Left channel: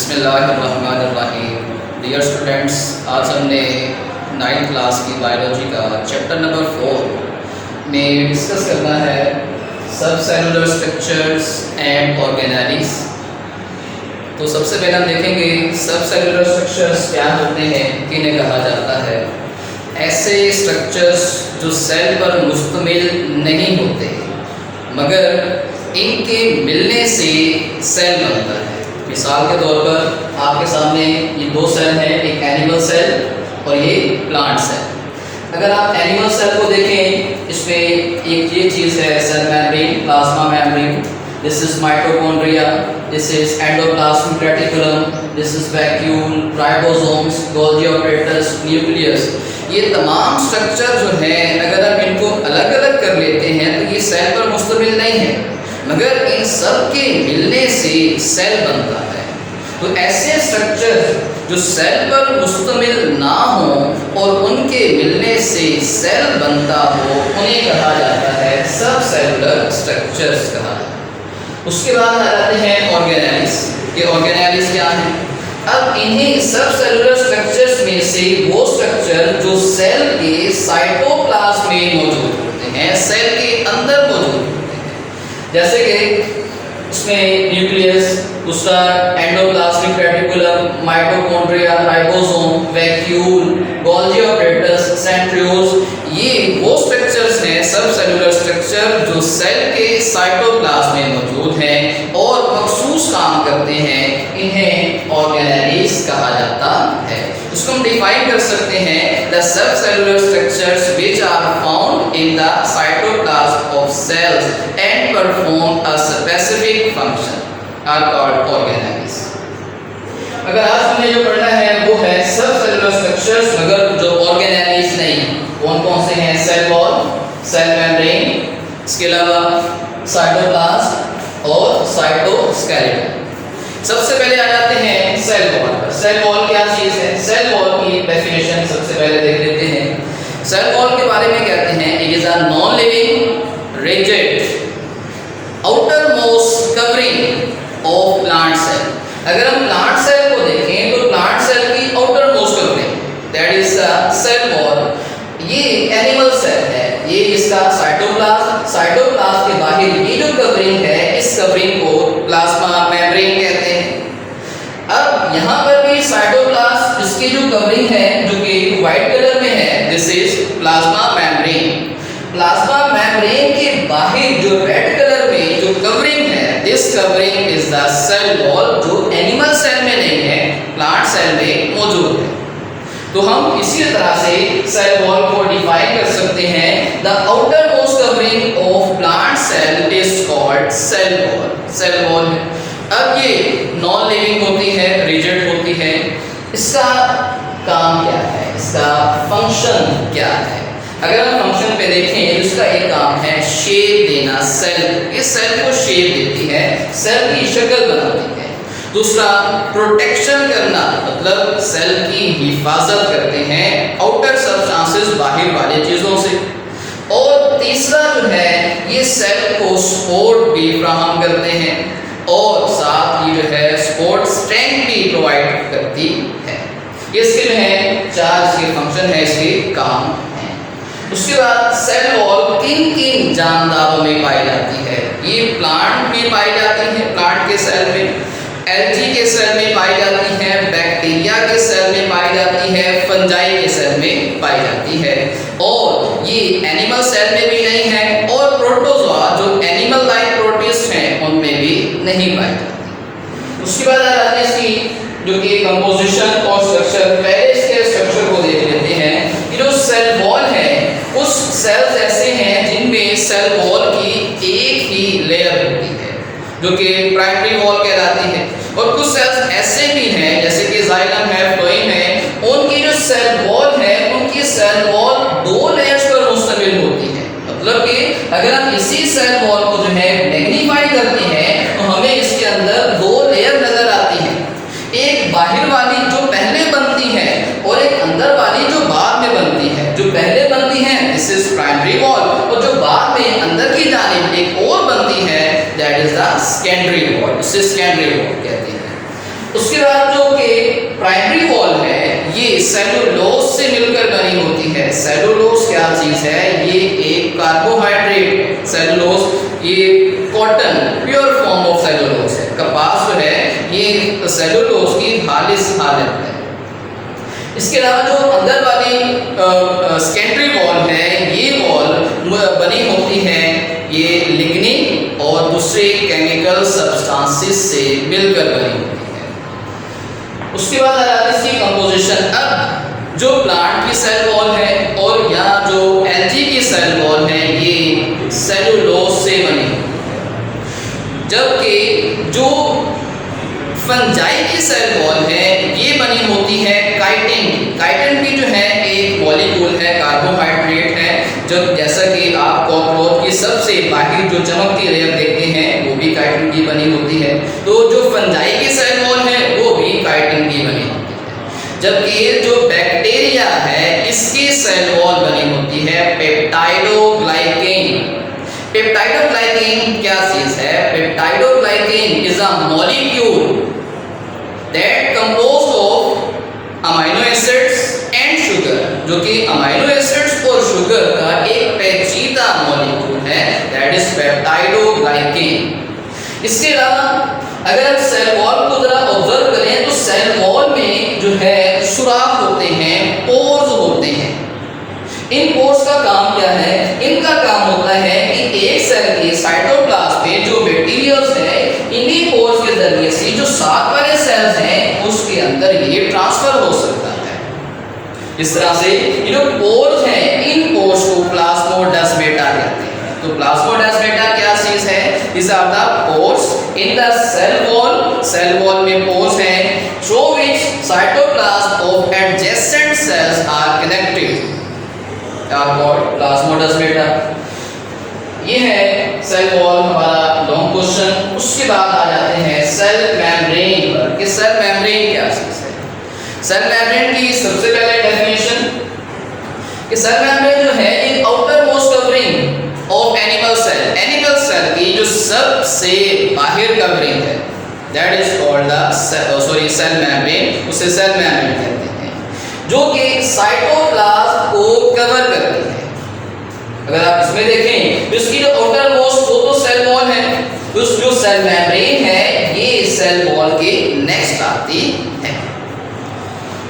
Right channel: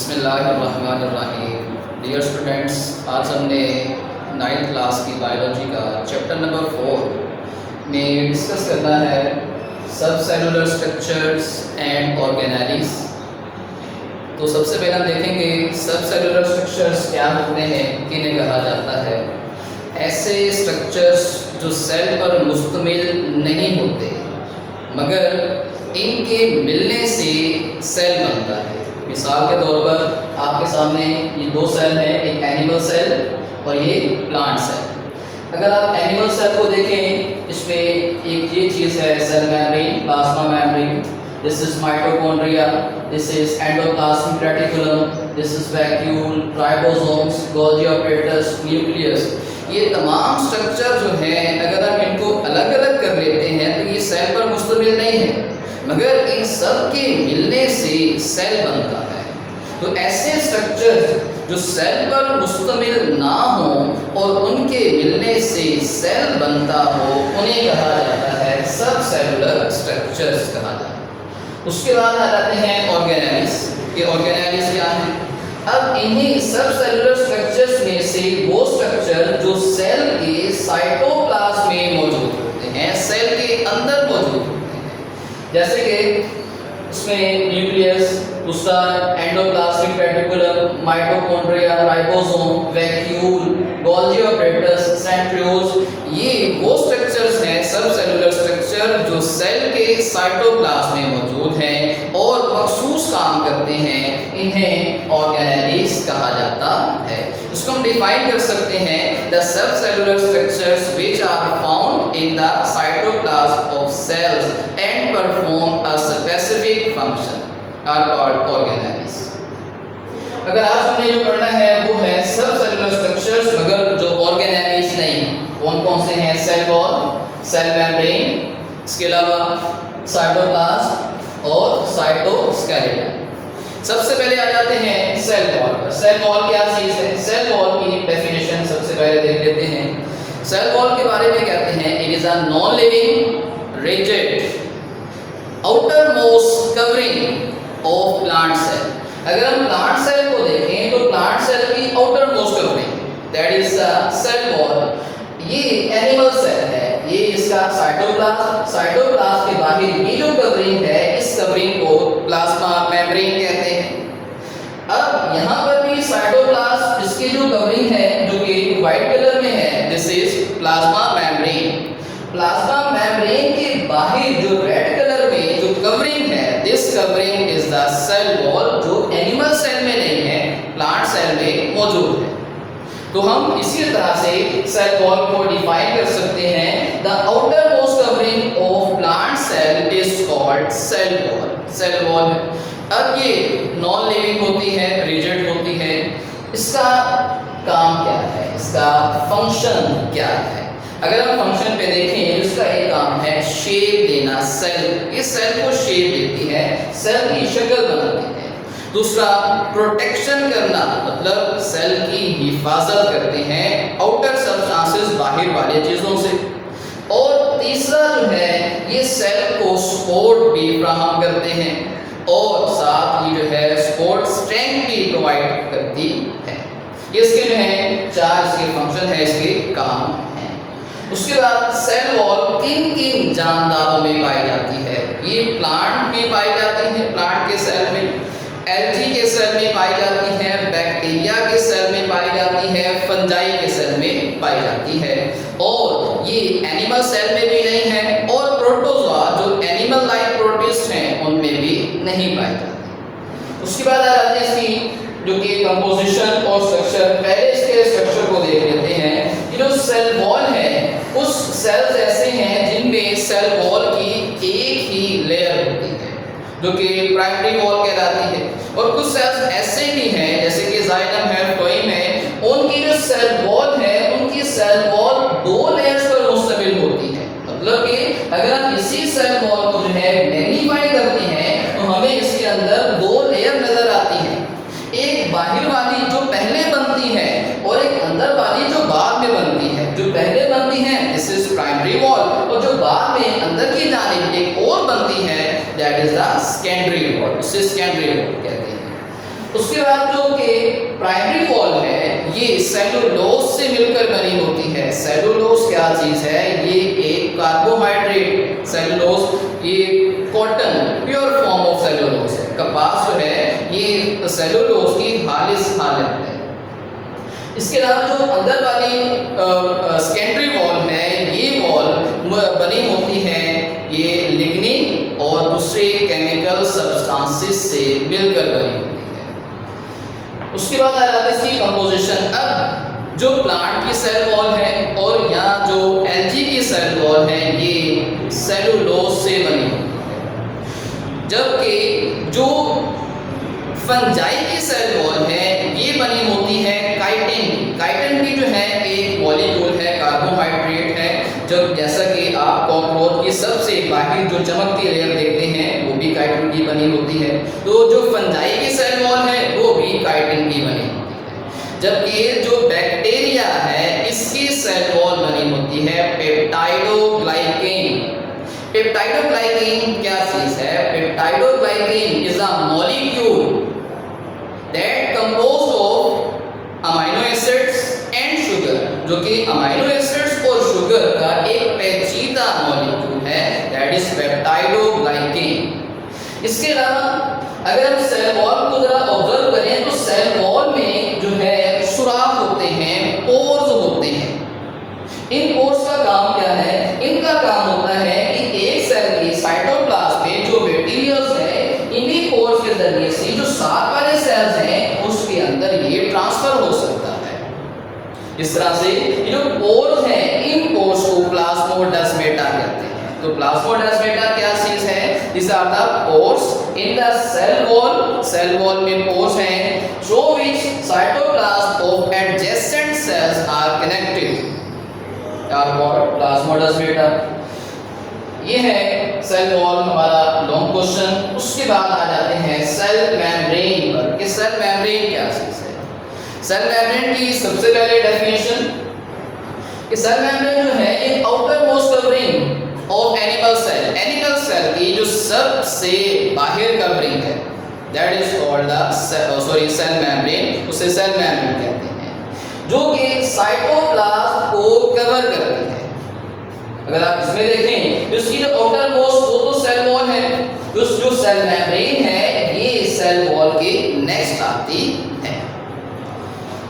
बिस्मिल्लाहिर्रहमानिर्रहीम। Dear students, आज हमने 9th क्लास की बायोलॉजी का चैप्टर नंबर 4 में डिस्कस करना है सब सेलुलर स्ट्रक्चर्स एंड ऑर्गेनेलिस। तो सबसे पहले हम देखेंगे सब सेलुलर स्ट्रक्चर्स क्या होते हैं, किन्हें कहा जाता है। ऐसे स्ट्रक्चर्स जो सेल पर मुश्तमिल नहीं होते मगर इनके मिलने से सेल बनता है। मिसाल के तौर पर आपके सामने ये दो सेल हैं, एक एनिमल सेल और ये प्लांट सेल। अगर आप एनिमल सेल को देखें, इसमें एक ये चीज़ है cell membrane, plasma membrane, this is mitochondria, this is endoplasmic reticulum, this is vacuole, ribosomes, Golgi apparatus, nucleus. ये तमाम स्ट्रक्चर जो हैं, अगर आप इनको अलग अलग कर लेते हैं तो ये सेल पर मुश्तमिल नहीं है मगर इन सब के मिलने से सेल बनता है। तो ऐसे स्ट्रक्चर जो सेल पर मुश्तमिल ना हो और उनके मिलने से सेल बनता हो, उन्हें कहा जाता है सब सेलुलर स्ट्रक्चर्स कहा जाता है। उसके बाद आ जाते हैं ऑर्गेनेलिस। कि ऑर्गेनेलिस क्या है। अब इन्हीं सब सेलुलर स्ट्रक्चर्स में से वो स्ट्रक्चर जो सेल के साइटोप्लाज्म में मौजूद होते हैं, सेल के अंदर मौजूद होते हैं, जैसे कि उसमें न्यूक्लियस, दूसरा endoplasmic reticulum, mitochondria, ribosome, vacuole, Golgi apparatus, centrioles. ये वो स्ट्रक्चर्स हैं सब सेलुलर स्ट्रक्चर जो सेल के साइटोप्लाज्म में मौजूद हैं और मखसूस काम करते हैं। इन्हें ऑर्गेनेलिस कहा जाता है। इसको हम डिफाइन कर सकते हैं, the sub cellular structures which are found in the cytoplasm of cells and perform a specific function are called organelles. अगर आज हमने जो पढ़ना है वो है सब सेलुलर स्ट्रक्चर्स मगर जो ऑर्गेनेलिस नहीं। कौन कौन से हैं? सेल वॉल, सेल मेम्ब्रेन, इसके अलावा साइटोप्लाज्म और साइटोस्केलेटन। सबसे पहले आ जाते हैं सेल वॉल पर। सेल वॉल क्या चीज है? सेल वॉल की डेफिनेशन सबसे पहले देख लेते हैं। सेल वॉल के बारे में कहते हैं, it is a non living rigid outer most covering of plant cell. अगर हम प्लांट सेल को देखें तो प्लांट सेल की outer most covering that is the cell wall. ये एनिमल सेल है, ये इसका साइटोप्लाज्म, साइटोप्लाज्म के बाहर ये जो कवरिंग है, इस कवरिंग को प्लाज्मा मेम्ब्रेन कहते हैं। अब यहाँ पर भी साइटोप्लाज्म, इसकी जो कवरिंग है जो कि व्हाइट कलर में है, this is plasma membrane. Plasma membrane के बाहर जो रेड कलर में जो कवरिंग है, this covering is the cell wall, जो एनिमल सेल में नहीं है, प्लांट सेल में मौजूद है। तो हम इसी तरह से सेल वॉल को डिफाइन कर सकते हैं, the outer most covering of plant cell is called cell wall. Cell wall. अब ये नॉन लिविंग होती है, रिजिड होती है। इसका काम क्या है, इसका फंक्शन क्या है? अगर हम फंक्शन पे देखें तो इसका एक काम है शेप देना। सेल, ये सेल को शेप देती है, सेल की शक्ल बनाती है। दूसरा प्रोटेक्शन करना, मतलब सेल की हिफाजत करते हैं आउटर सबस्टांसेस, बाहर वाली चीज़ों से। और तीसरा जो है, ये सेल को सपोर्ट भी फराहम करते हैं और साथ ही जो है सपोर्ट स्ट्रेंथ भी प्रोवाइड करती है। ये इसके जो है चार इसके फंक्शन है, इसके काम हैं। उसके बाद सेल वॉल किन किन जानदारों में पाई जाती है? ये प्लांट में पाई जाती है, प्लांट के सेल में, एल्गी के सेल में पाई जाती है, बैक्टीरिया के सेल में पाई जाती है, फंजाई के सेल में पाई जाती है। और ये एनिमल सेल में भी नहीं है और प्रोटोजोआ जो एनिमल लाइक प्रोटिस्ट हैं उनमें भी नहीं पाई जाती। उसके बाद आ जाती है इसकी जो कि कंपोजिशन और स्ट्रक्चर। पहले इसके स्ट्रक्चर को देख लेते हैं कि जो सेल वॉल है, कुछ सेल्स ऐसे हैं जिनमें सेल वॉल की एक ही लेयर होती है जो कि प्राइमरी वॉल कहलाती है, और कुछ सेल्स ऐसे भी हैं जैसे कि जाइलम है, फ्लोएम है, उनकी जो सेल वॉल है, उनकी सेल वॉल दो लेयर्स पर मुश्तमिल होती है। मतलब कि अगर हम इसी सेल वॉल को जो है मैग्नीफाई करते हैं तो हमें इसके अंदर दो लेयर नजर आती है, एक बाहर वाली जो पहले बनती है और एक अंदर वाली जो बाद में बनती है। जो पहले बनती है दिस इज प्राइमरी वॉल, और जो बाद में अंदर की जानिब एक और बनती है that is the secondary wall, उसे सेकेंडरी वॉल कहते हैं। उसके उसके बाद जो कि प्राइमरी वॉल है ये सेलुलोज से मिलकर बनी होती है। सेलुलोज क्या चीज है? ये एक कार्बोहाइड्रेट। सेलुलोज ये cotton pure form of cellulose है। कपास जो है ये सेलुलोज की खालिस हालत है। इसके अलावा जो अंदर वाली सेकेंडरी वॉल है ये वॉल बनी होती है ये लिग्निन और दूसरे केमिकल सब्सटेंसेस से मिलकर बनी होती है। उसके बाद आ जाती है इसकी कंपोजिशन। अब जो प्लांट की सेल वॉल है और यहाँ जो एल्गी की सेल वॉल है ये सेलुलोज से बनी, जबकि जो फंजाई की सेल वॉल है ये बनी होती है काइटिन। काइटिन भी जो है एक मॉलिक्यूल है, कार्बोहाइड्रेट है, जो जैसा कि आप कॉकरोच की सबसे बाहर जो चमकती लेयर देखते हैं वो भी काइटिन की बनी होती है। तो जो फंजाई की सेल वॉल है वो भी काइटिन की बनी होती है। जबकि ये जो बैक्टीरिया है इसकी सेल वॉल बनी होती है पेप्टाइडोग्लाइकेन। पेप्टाइडोग्लाइकेन क्या चीज है? Peptidoglycan is a molecule that composed of amino acids and sugar, जो कि अमीनो एसिड्स और शुगर का एक पेचीदा मॉलिक्यूल है, दैट इज पेप्टाइडोग्लाइकेन। इसके अलावा अगर हम सेल वॉल को जरा ऑब्जर्व करें तो सेल वॉल में जो है सुराख होते हैं, पोर्स होते हैं। इन पोर्स का काम क्या है? इनका काम होता है कि एक सेल के साइटोप्लाज्म में जो बैक्टीरिया है इन्हीं पोर्स के जरिए से जो साथ वाले सेल्स हैं उसके अंदर ये ट्रांसफर हो सकता है। इस तरह से ये जो पोर्स हैं इन पोर्स को प्लाज्मोडेस्माटा कहते हैं। तो प्लाज्मोडेस्माटा क्या चीज है? This are the pores in the cell wall. Cell wall में पोर्स हैं through which cytoplasm of adjacent cells are connected are called plasmodesmata. ये है सेल वॉल हमारा लॉन्ग क्वेश्चन। उसके बाद आ जाते हैं सेल मेम्ब्रेन पर कि सेल मेम्ब्रेन क्या चीज है। सेल मेम्ब्रेन की सबसे पहले डेफिनेशन कि सेल मेम्ब्रेन जो है ये outer most covering of animal cell. Animal cell की जो सबसे बाहर कवरिंग है that is called the cell membrane, उसे सेल मेम्ब्रेन कहते हैं, जो कि साइटोप्लाज्म को कवर करती है। अगर आप इसमें देखें इसकी जो आउटर मोस्ट वो तो सेल वॉल है, उस जो सेल मेम्ब्रेन है ये सेल वॉल के नेक्स्ट आती है।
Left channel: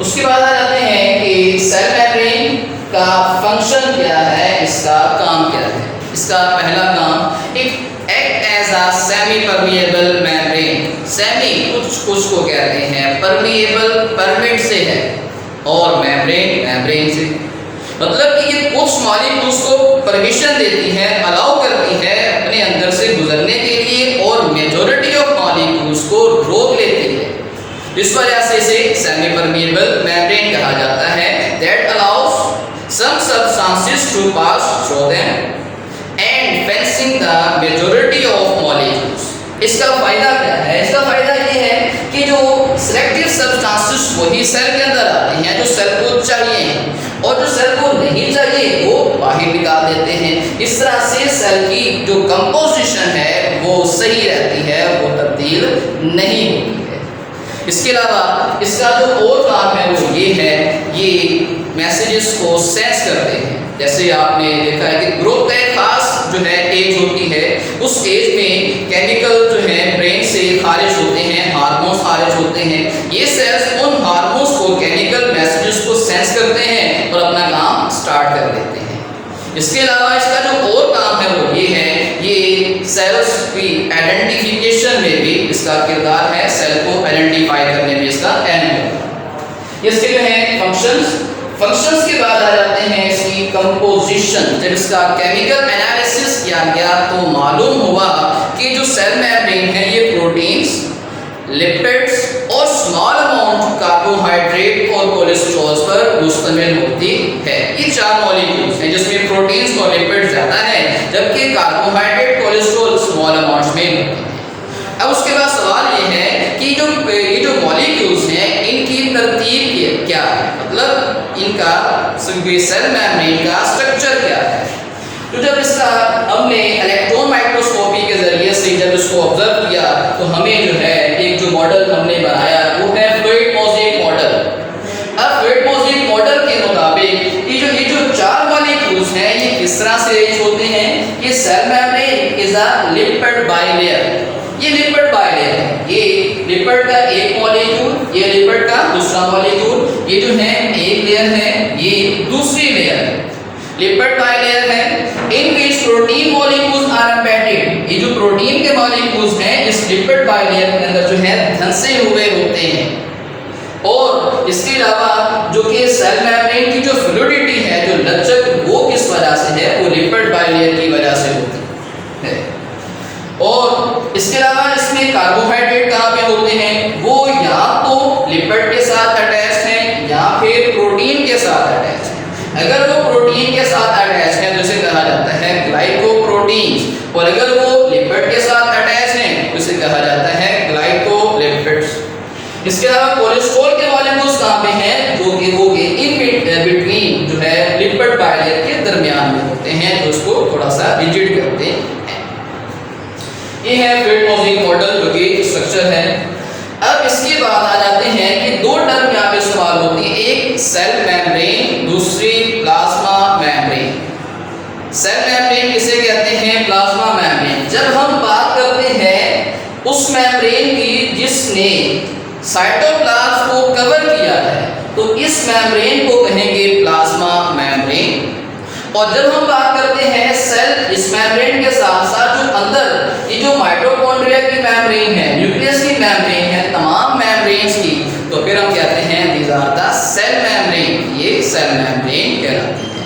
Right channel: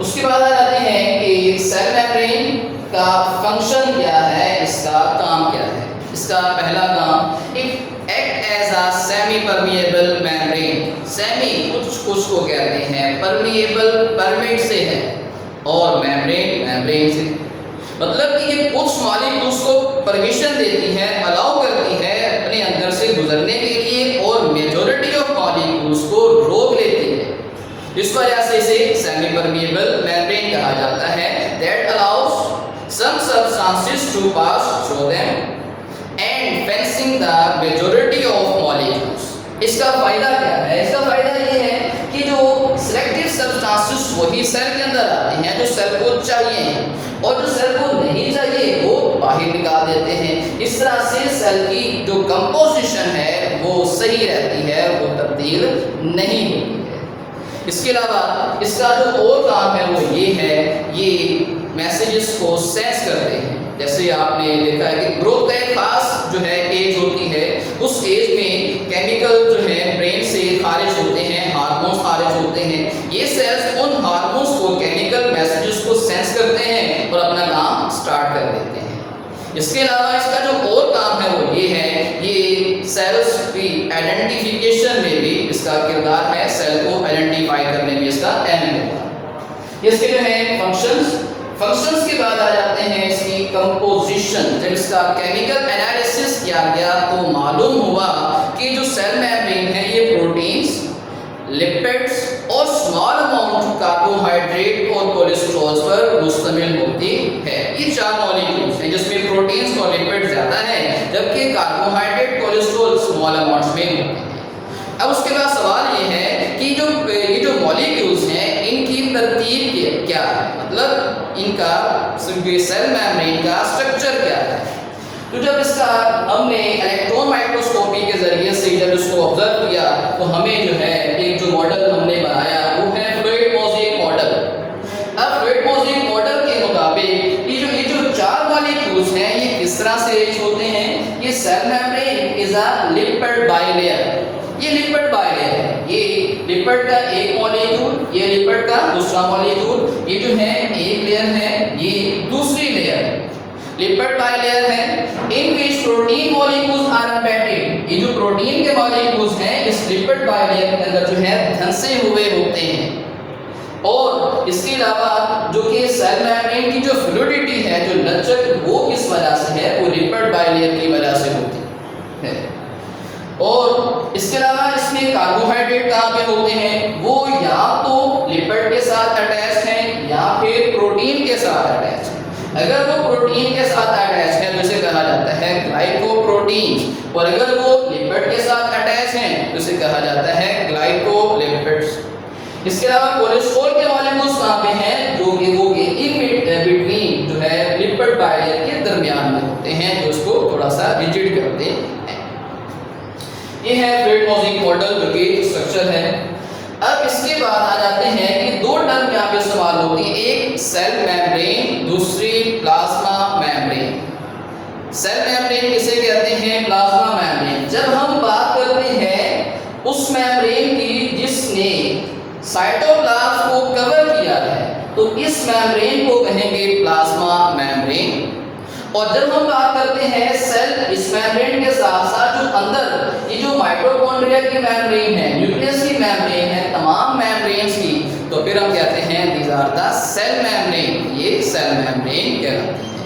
उसके बाद आ जाते हैं कि सेल मेम्ब्रेन का फंक्शन क्या है, इसका काम क्या है। इसका पहला काम एक act as a semi permeable membrane. Semi कुछ को कहते हैं, परमिएबल परमिट से है और मेम्ब्रेन से, मतलब कि ये कुछ मॉलिक्यूल्स को परमिशन देती है, अलाउ करती है अपने अंदर से गुजरने के लिए और मेजॉरिटी ऑफ मॉलिक्यूल्स को रोक लेती है। इस वजह से इसे सेमी परमिएबल मेम्ब्रेन कहा जाता है। That allows some substances to pass through them and fencing the majority of molecules. इसका फायदा क्या है? इसका फायदा ये है कि जो सिलेक्टिव सब्सटेंसेस वही सेल के अंदर आती हैं जो सेल को चाहिए और जो सेल को नहीं चाहिए वो बाहर निकाल देते हैं। इस तरह से सेल की जो कंपोजिशन है वो सही रहती है, वो तब्दील नहीं होती है। इसके अलावा इसका जो और काम है वो ये है, ये मैसेजेस को सेंस करते हैं। जैसे आपने देखा है कि ग्रोथ का एक खास जो है एज होती है, उस एज में केमिकल जो है ब्रेन से खारिज होते हैं, हार्मोन्स खारिज होते हैं। ये सेल्स उन हार्मोन्स को, केमिकल मैसेजेस को सेंस करते हैं और अपना काम स्टार्ट कर लेते हैं। इसके अलावा इसका जो और काम है वो ये है, ये सेल्स की आइडेंटिफिकेशन में भी इसका किरदार है, सेल को आइडेंटिफाई करने में इसका अहम है। इसके जो है फंक्शंस के बाद आ जाते हैं इसकी कंपोजिशन। जब इसका केमिकल एनालिसिस किया गया तो मालूम हुआ कि जो सेल मेम्ब्रेन है ये प्रोटीन्स, लिपिड्स और स्मॉल अमाउंट कार्बोहाइड्रेट और कोलेस्ट्रॉल पर मुश्तमिल होती है। ये चार मॉलिक्यूल्स हैं जिसमें प्रोटीन्स और लिपिड्स ज़्यादा है, जबकि कार्बोहाइड्रेट, कोलेस्ट्रॉल स्मॉल अमाउंट्स में होते हैं। अब उसके बाद सवाल ये है कि ये जो मॉलिक्यूल्स हैं इनकी तरतीब क्या है, मतलब इनका सेल मेम्ब्रेन का स्ट्रक्चर क्या है। तो जब इसका हमने इलेक्ट्रॉन माइक्रोस्कोपी के जरिए से जब इसको ऑब्जर्व किया तो हमें जो है एक जो मॉडल हमने बनाया वो है इस तरह से अरेंज होते हैं कि cell membrane is a lipid bilayer. ये लिपिड बाइलेयर है, ये लिपिड का एक मॉलिक्यूल, ये लिपिड का दूसरा मॉलिक्यूल, ये जो है एक लेयर है, ये दूसरी लेयर है, लिपिड बाइलेयर है। In which protein molecules are embedded, ये जो प्रोटीन के मॉलिक्यूल्स हैं इस लिपिड बाइलेयर के अंदर जो है धंसे हुए होते हैं। और इसके अलावा जो कि सेल मेम्ब्रेन की जो फ्लूइडिटी है, जो लचक, वो किस वजह से है, वो लिपिड बाइलेयर की वजह से होती है। और इसके अलावा इसमें कार्बोहाइड्रेट कहाँ पे होते हैं, वो या तो लिपिड के साथ अटैच हैं या फिर प्रोटीन के साथ अटैच हैं। अगर वो प्रोटीन के साथ अटैच है तो इसे कहा जाता है ग्लाइकोप्रोटीन्स, और अगर वो लिपिड के साथ अटैच हैं तो इसे कहा जाता है ग्लाइकोलिपिड्स। इसके अलावा कोलेस्ट्रॉल के मॉलिक्यूल्स कहाँ पे हैं, जो कि वो इन बिटवीन जो है लिपिड बाइलेयर के दरमियान में होते हैं, जो उसको थोड़ा सा रिजिड करते हैं। ये है फ्रेड-मॉजिक मॉडल जो कि स्ट्रक्चर है। अब इसके बाद आ जाते हैं कि दो टर्म यहाँ पे इस्तेमाल होती है, एक सेल मेम्ब्रेन, दूसरी प्लाज्मा मेम्ब्रेन। सेल मेम्ब्रेन किसे कहते हैं, प्लाज्मा मेम्ब्रेन। जब हम बात करते हैं उस मेम्ब्रेन की जिसने साइटोप्लाज्म को कवर किया है, तो इस मेम्ब्रेन को कहेंगे प्लाज्मा मेम्ब्रेन। और जब हम बात करते हैं सेल, इस मेम्ब्रेन के साथ साथ जो अंदर ये जो माइटोकॉन्ड्रिया की मेम्ब्रेन है, न्यूक्लियस की मेम्ब्रेन है, तमाम मेम्ब्रेन्स की, तो फिर हम कहते हैं these are the cell membrane, ये सेल मेम्ब्रेन कहलाती है।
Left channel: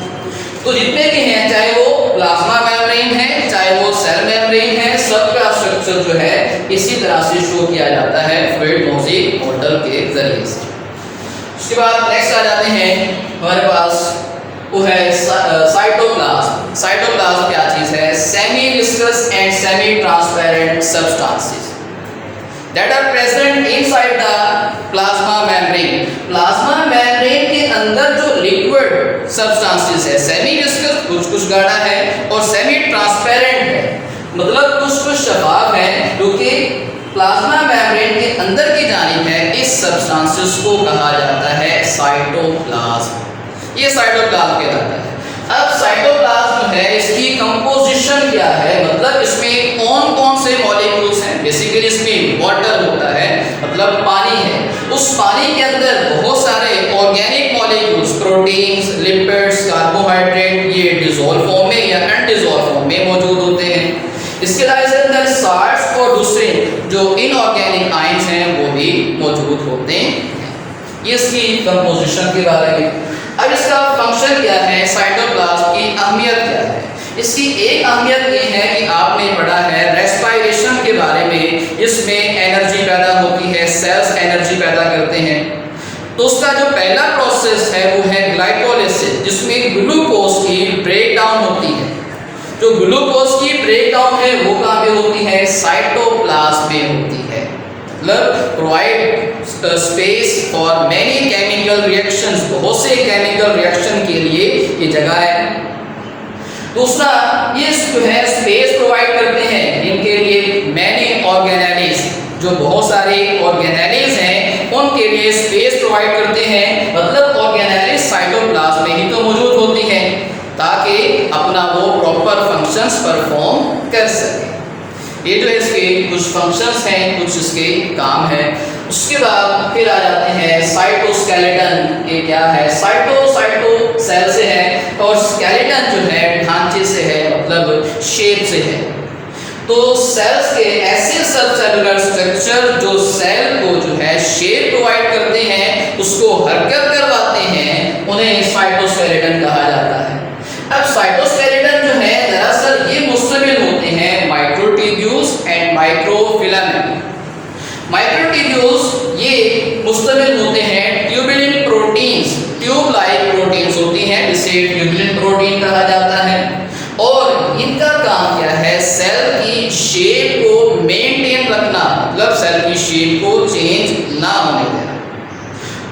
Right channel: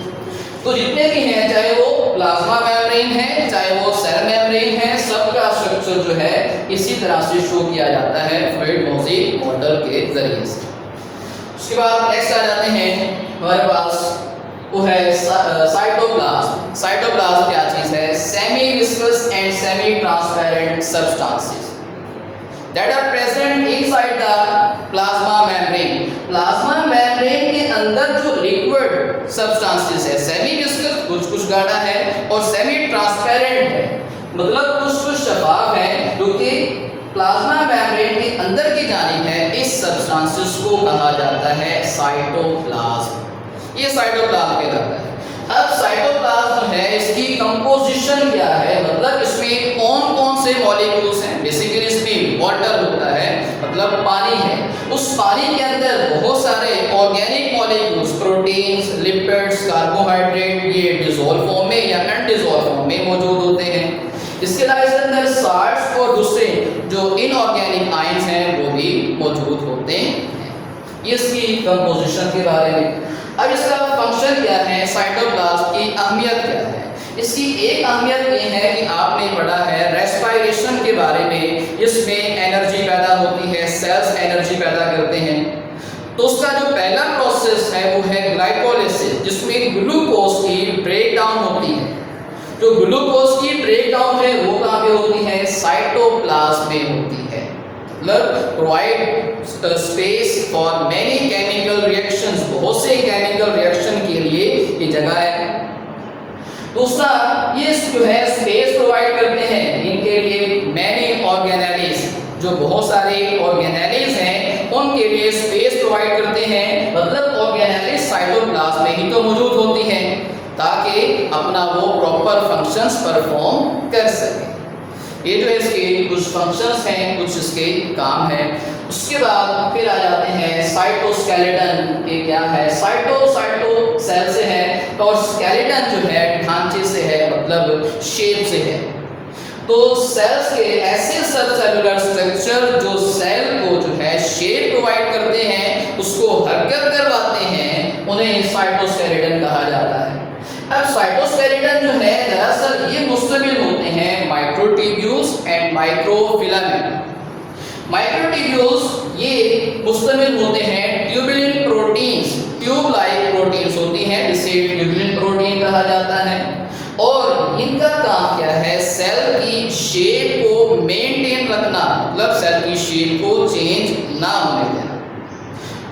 तो जितने भी हैं, चाहे वो प्लाज्मा मेम्ब्रेन है, चाहे वो सेल मेम्ब्रेन है, सबका स्ट्रक्चर जो है इसी तरह से शो किया जाता है फ्रेड-मॉजिक मॉडल के जरिए से। उसके बाद नेक्स्ट आ जाते हैं हमारे पास, वो है साइटोप्लाज्म। साइटोप्लाज्म क्या चीज है, semi viscous and semi transparent substances that are present inside the plasma membrane. Plasma membrane के अंदर जो लिक्विड सब्सटेंसेस है, सेमी विस्कस कुछ कुछ गाढ़ा है और सेमी ट्रांसपेरेंट है, मतलब कुछ कुछ शफाफ है, जो कि प्लाज्मा मेम्ब्रेन के अंदर की जानिब है। इस सब्सटेंसेस को कहा जाता है साइटोप्लाज्म। ये साइटोप्लाज्म कहलाता है। अब साइटोप्लाज्म है, इसकी कंपोजिशन क्या है, मतलब इसमें कौन कौन से मॉलिक्यूल्स हैं। बेसिकली इसमें वाटर होता है, मतलब पानी है। उस पानी के अंदर बहुत सारे organic molecules, proteins, lipids, carbohydrate, ये डिसॉल्व फॉर्म में या अनडिसॉल्व फॉर्म में मौजूद होते हैं। इसके अलावा इसके अंदर साल्ट्स और दूसरे जो इनऑर्गेनिक आयंस हैं वो भी मौजूद होते हैं। ये इसकी कंपोजिशन के बारे में। अब इसका फंक्शन क्या है, साइटोप्लाज्म की अहमियत क्या है। इसकी एक अहमियत ये है कि आपने पढ़ा है रेस्पिरेशन के बारे में, इसमें एनर्जी पैदा होती है, सेल्स एनर्जी पैदा करते हैं। तो उसका जो पहला प्रोसेस है वो है ग्लाइकोलिसिस, जिसमें ग्लूकोज की ब्रेकडाउन होती है। जो ग्लूकोज की ब्रेकडाउन है वो कहाँ पे होती है, साइटोप्लाज्म में होती है। मतलब provide space for many chemical reactions, बहुत से केमिकल रिएक्शन के लिए ये जगह है। दूसरा, ये जो है स्पेस प्रोवाइड करते हैं इनके लिए मैनी ऑर्गेनेलीज, जो बहुत सारे ऑर्गेनेलीज हैं उनके लिए स्पेस प्रोवाइड करते हैं। मतलब ऑर्गेनेलीज साइटोप्लाज्म में ही तो मौजूद होती हैं ताकि अपना वो प्रॉपर फंक्शंस परफॉर्म कर सके। ये जो है इसके कुछ फंक्शंस हैं, कुछ इसके काम है। उसके बाद फिर आ जाते हैं साइटोस्केलेटन के क्या है। साइटो सेल से है और स्केलेटन जो है ढांचे से है, मतलब शेप से है। तो सेल्स के ऐसे सब सेलुलर स्ट्रक्चर जो सेल को जो है शेप प्रोवाइड करते हैं, उसको हरकत करवाते हैं, उन्हें साइटोस्केलेटन कहा जाता है। अब साइटोस्केलेटन जो है दरअसल ये मुश्तमिल होते हैं माइक्रोट्यूब्यूल्स एंड माइक्रोफिलामेंट। माइक्रोट्यूब्यूल्स ये मुश्तमिल होते हैं tubulin proteins, tube like proteins होती हैं, इसे ट्यूबुलिन प्रोटीन कहा जाता है। और इनका काम क्या है, सेल की शेप को मेंटेन रखना, मतलब सेल की शेप को चेंज ना होने देना।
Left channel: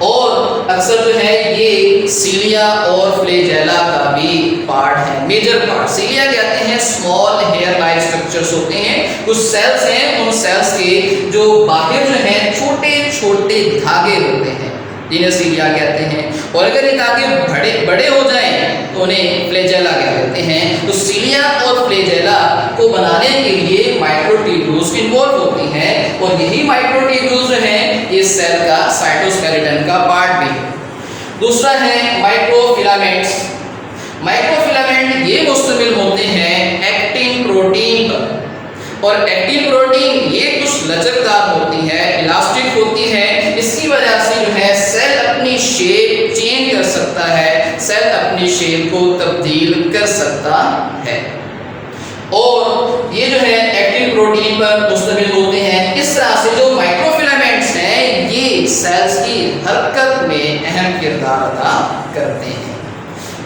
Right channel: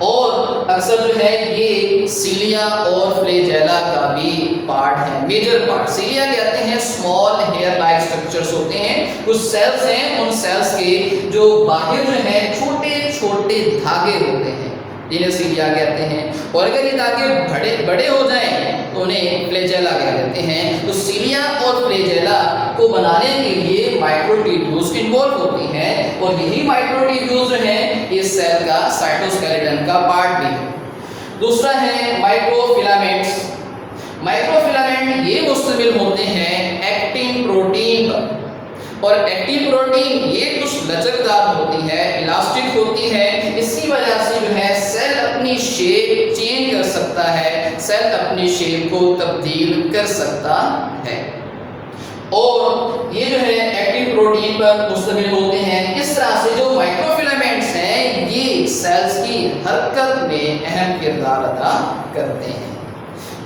और अक्सर जो है ये सीलिया और फ्लैजेला का भी पार्ट है, मेजर पार्ट। सीलिया कहते हैं स्मॉल हेयर लाइक स्ट्रक्चर्स होते हैं, कुछ सेल्स हैं, उन सेल्स के जो बाहर जो है छोटे छोटे धागे होते हैं जिन्हें सीलिया कहते हैं। और अगर ये धागे बड़े हो जाएं तो उन्हें फ्लैजेला कहते हैं। माइक्रोफिलामेंट ये मुश्तमिल होते हैं एक्टिन प्रोटीन पर, और एक्टिन प्रोटीन ये कुछ लचकदार होती है, इलास्टिक होती है। इसकी वजह से जो है सेल अपनी शेप चेंज कर सकता है, सेल अपनी शेप को तब्दील कर सकता है, और ये जो है एक्टिन प्रोटीन पर मुश्तमिल होते हैं। इस तरह से जो माइक्रोफिलामेंट्स हैं ये सेल्स की हरकत में अहम किरदार अदा करते हैं।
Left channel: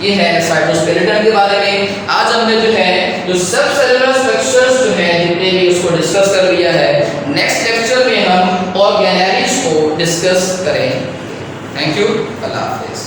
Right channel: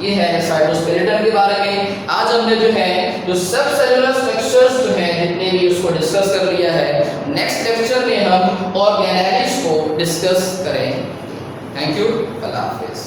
ये है साइटोस्केलेटन के बारे में। आज हमने जो है जो सब सेलुलर स्ट्रक्चर्स जो है जितने भी उसको डिस्कस कर लिया है। नेक्स्ट लेक्चर में हम ऑर्गेनेल्स को डिस्कस करें। थैंक यू, अल्लाह हाफिज़।